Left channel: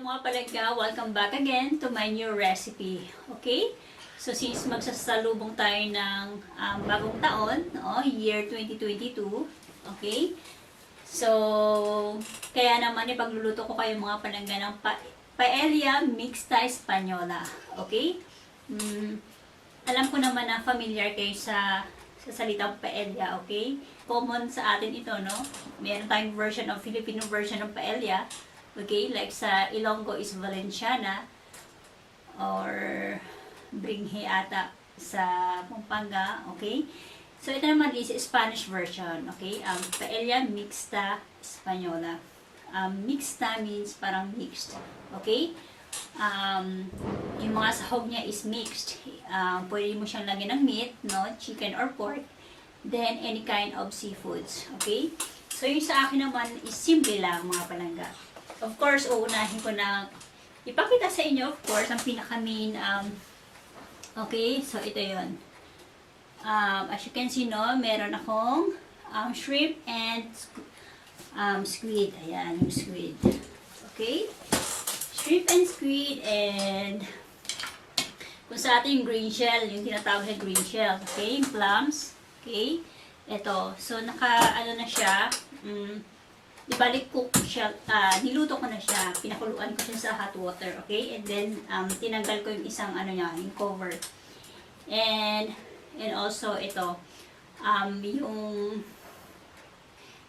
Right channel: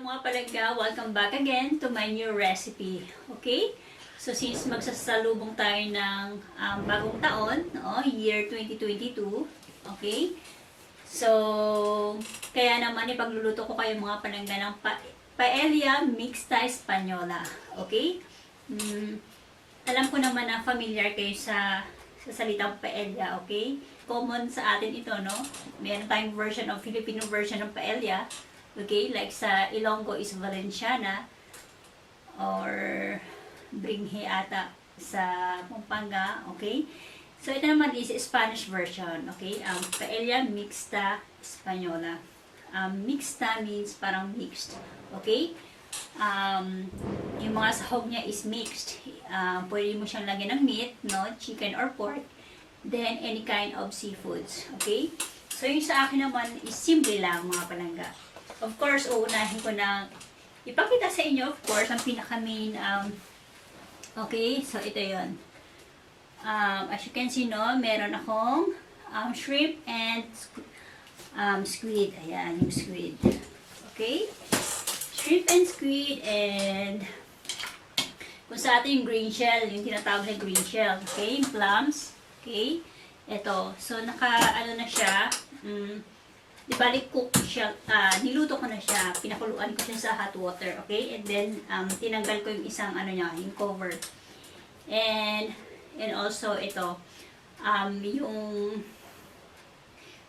mga palangga, welcome back again to my new recipe. Okay? So since magsasalubong tayo ng bagong taon, year 2022, okay? So, kaya naman ipagluluto ko kayo mga palangga ng Paella Mixta Española. Okay? Alam ko naman na familiar kayo sa salitang paella, okay? Common sa atin ito, no? Meron tayong version of Filipino version ng paella. Okay, like sa Ilonggo is Valenciana or Bringhe ata sa Pampanga, okay? So ito naman is Spanish version, okay? Paella Mixta Española. Mixta means parang mixed, okay? Yung mga sahog niya is mixed. Pwede mo siyang lagyan ng meat, no? Chicken or pork. Then any kind of seafoods, okay? So yung sa akin naman is simple lang mga palangga. Of course, uunahin ko na ipakita sa inyo, of course, ang pinaka-main, okay, so ito yun. As you can see, no, meron akong shrimp and squid. Ayan, yung squid. Okay? Shrimp and squid and kung sa atin yung green shell, yung tinatawag na green shell. Okay? Yung clams. Okay? Ito. So, ano na siya, ibalik cook siya, niluto ko na siya, pinakuluan ko siya sa hot water, okay? And then, tinanggal ko yung isang, niya, yung cover. And also, ito,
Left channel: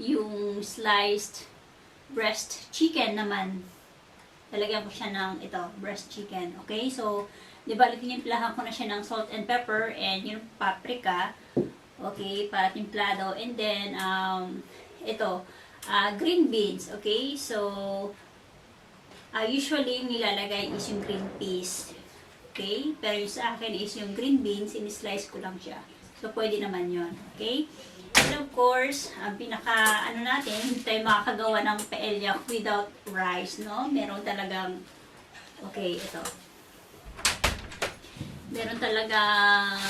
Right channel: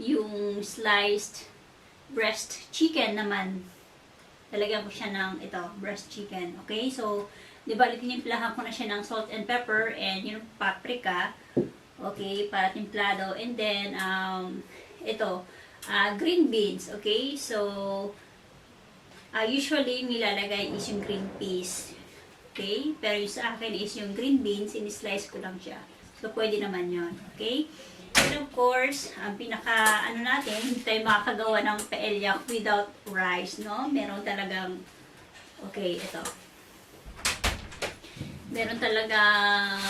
yung sliced breast chicken naman, talagyan ko siya ng, breast chicken, okay? So, ibalik tinimplahan ko na siya ng salt and pepper and yung paprika, okay, para timplado. And then, green beans, okay? So, usually yung nilalagay is yung green peas, okay? Pero yung sa akin is yung green beans, in-slice ko lang siya. So, pwede naman yon, okay? And of course, ang natin, hindi tayo makakagawa ng paella without rice, no? Meron talagang, okay, ito. Meron talagang,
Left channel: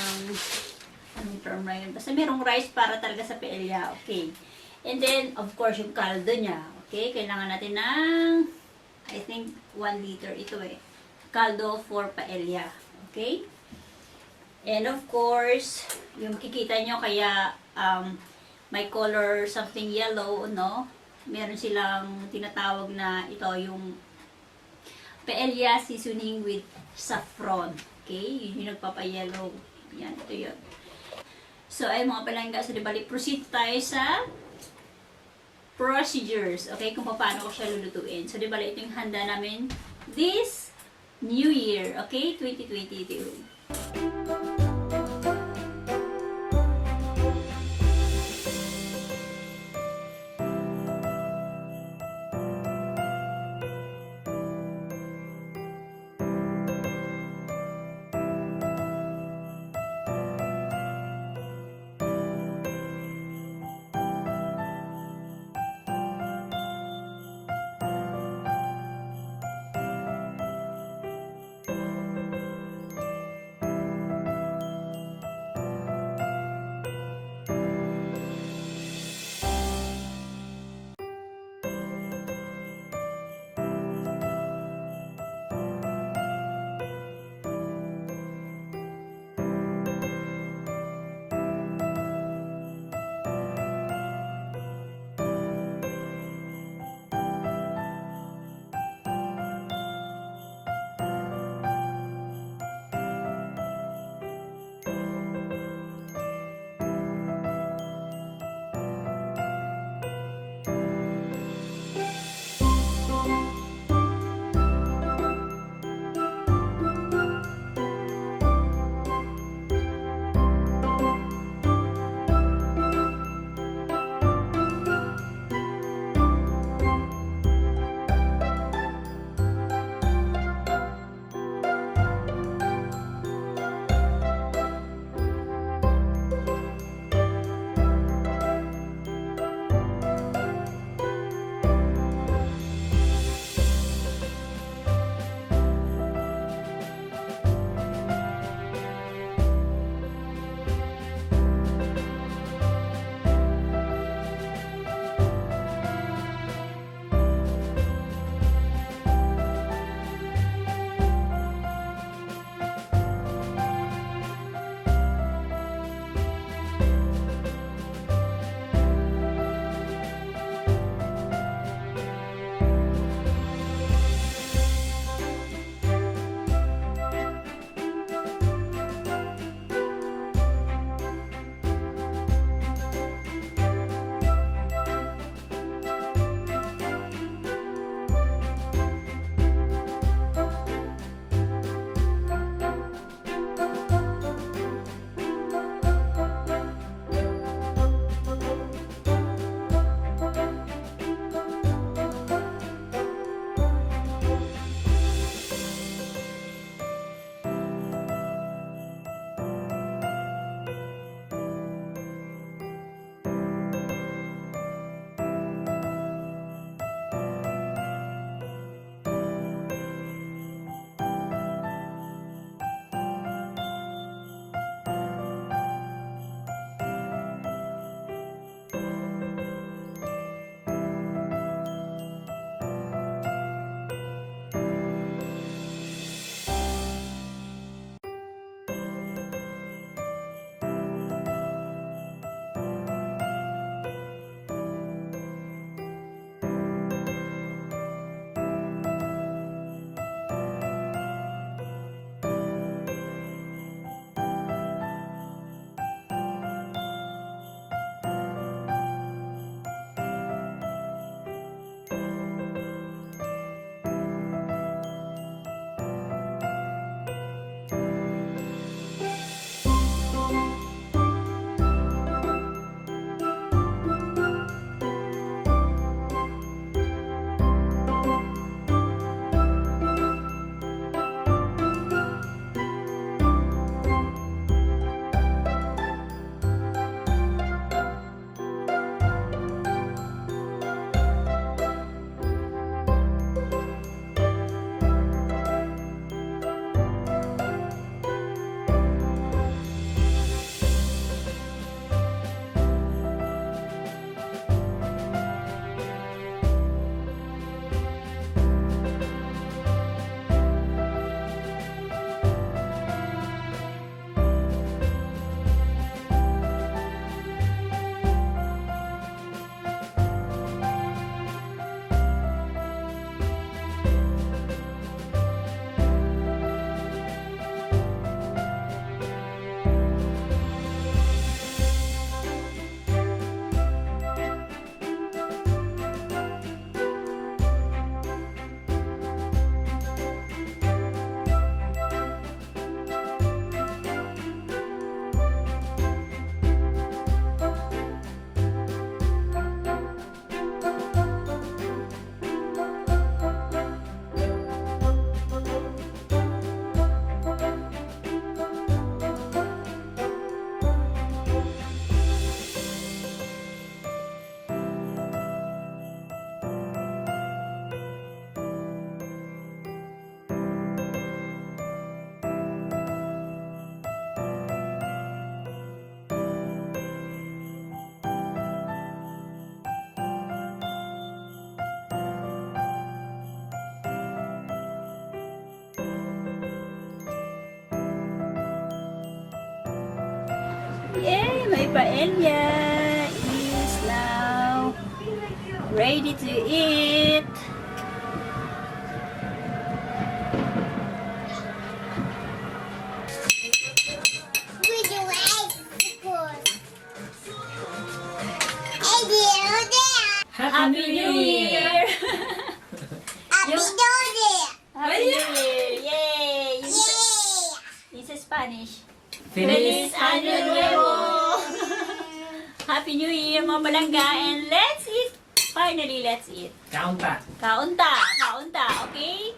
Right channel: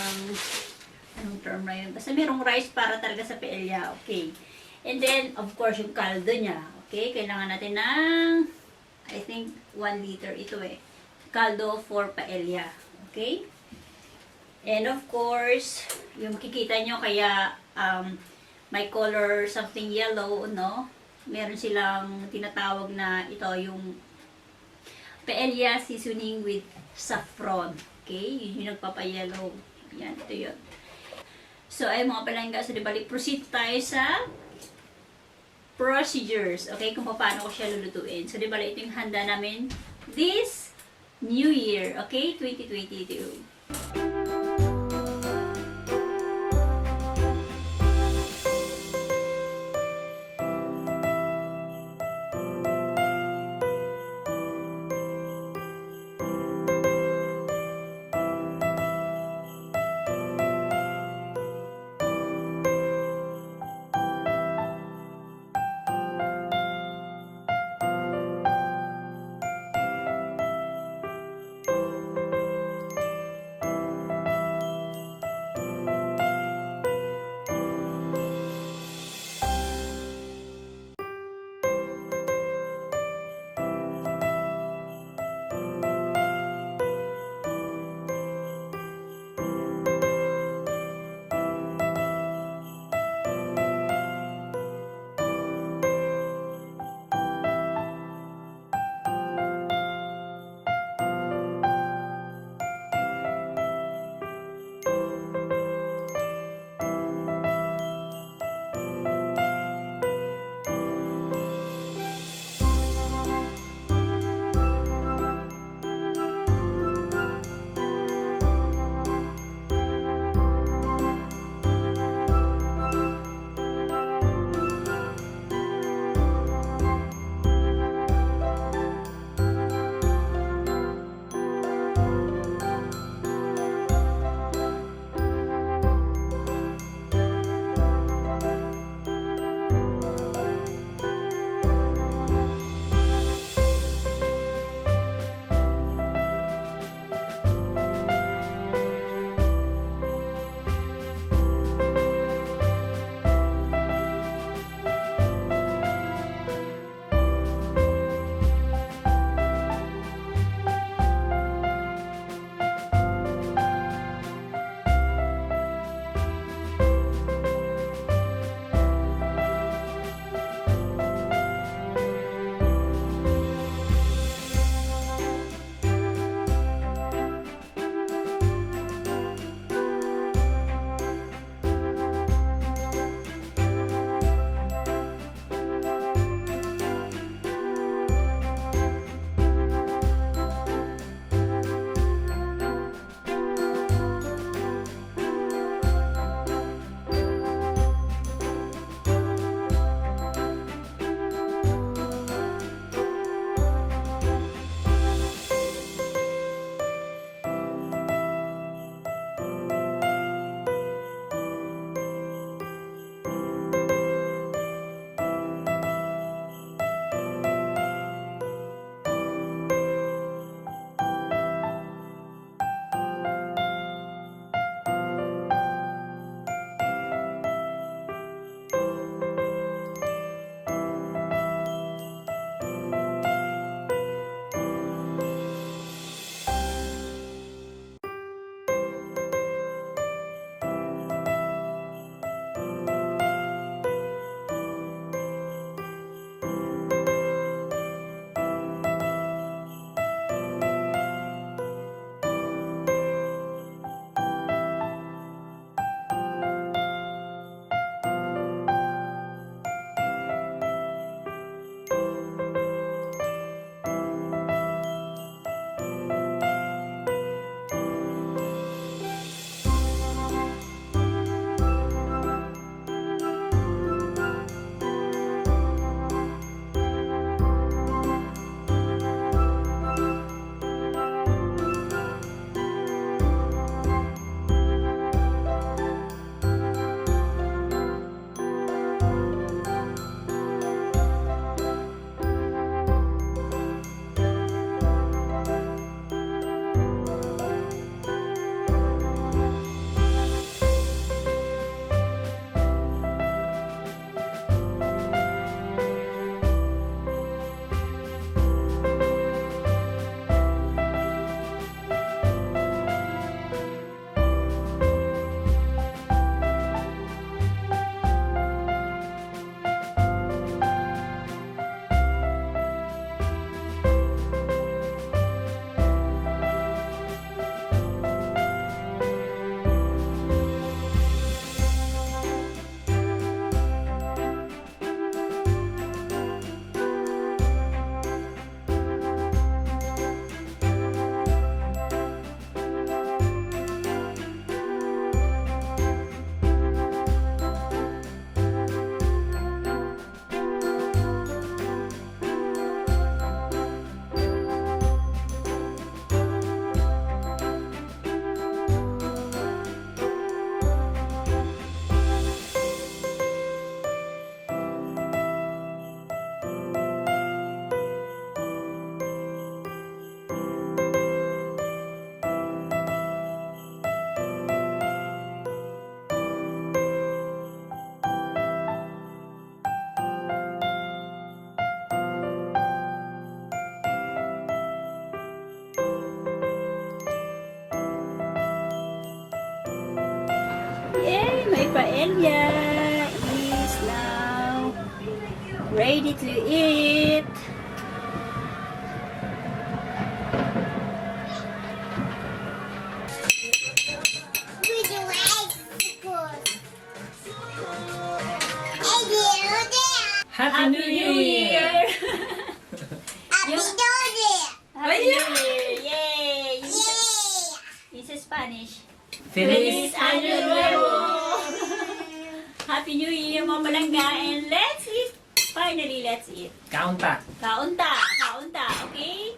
anong term na yun? Basta merong rice para talaga sa paella, okay? And then, of course, yung kaldo niya. Okay? Kailangan natin ng, I think, 1 liter ito kaldo for paella. Okay? And of course, yung makikita nyo, kaya may color something yellow, no? Meron silang tinatawag na ito, yung paella seasoning with saffron. Okay? Yun yung nagpapa-yellow. Yan, ito yun. So, ay mga palangga, so dibalik, proceed tayo sa procedures, okay, kung paano ko siya lulutuin. So, di ba, ito yung handa namin this New Year, okay, 2022. Yay! My paella is now ready to eat. Happy New Year! Happy New Year! Yay! This is Spanish. Feliz Año Nuevo! Happy New Year, mga palangga, and let's eat! Finally, let's eat. Kaunta. Kaunta, okay?